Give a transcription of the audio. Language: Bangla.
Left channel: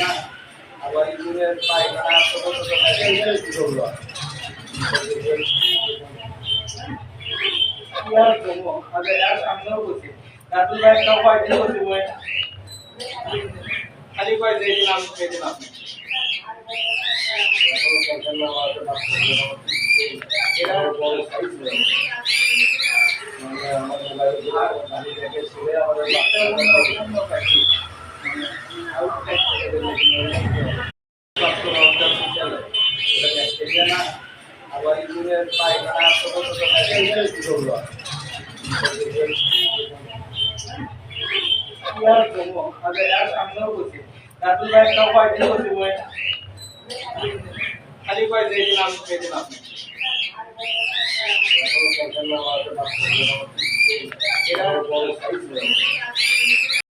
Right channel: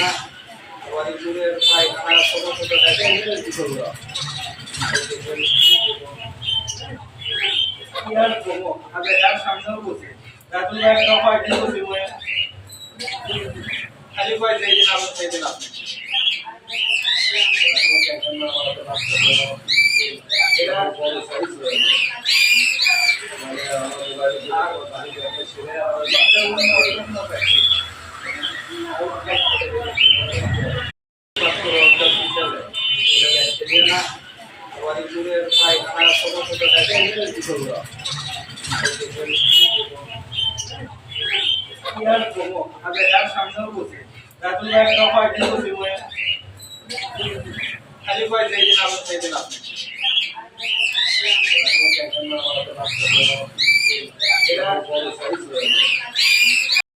না আবার ইঁদুরের পায়খানা ছোট ছোট থাকে এগুলো কি করবো কি আর করবো আগে আর সামনেও বসে রাতুল একটা উপায় দিয়ে বসে মই খালি কয় যেই দিন আপনি সেই দিন আপনি এটা বড় সাইজ মানে আমার মোবাইলে আর খালি দেখে ছেড়ে আর বাচ্চা অন্য পাইছি না আবার ইঁদুরের পায়খানা ছোট ছোট থাকে এগুলো কি করবো কি আর করবো আগে আর সামনেও বসে রাতুল একটা উপায় দিয়ে বসে মই খালি কয় যেই দিন আপনি সেই দিন আপনি এটা বড় সাইজ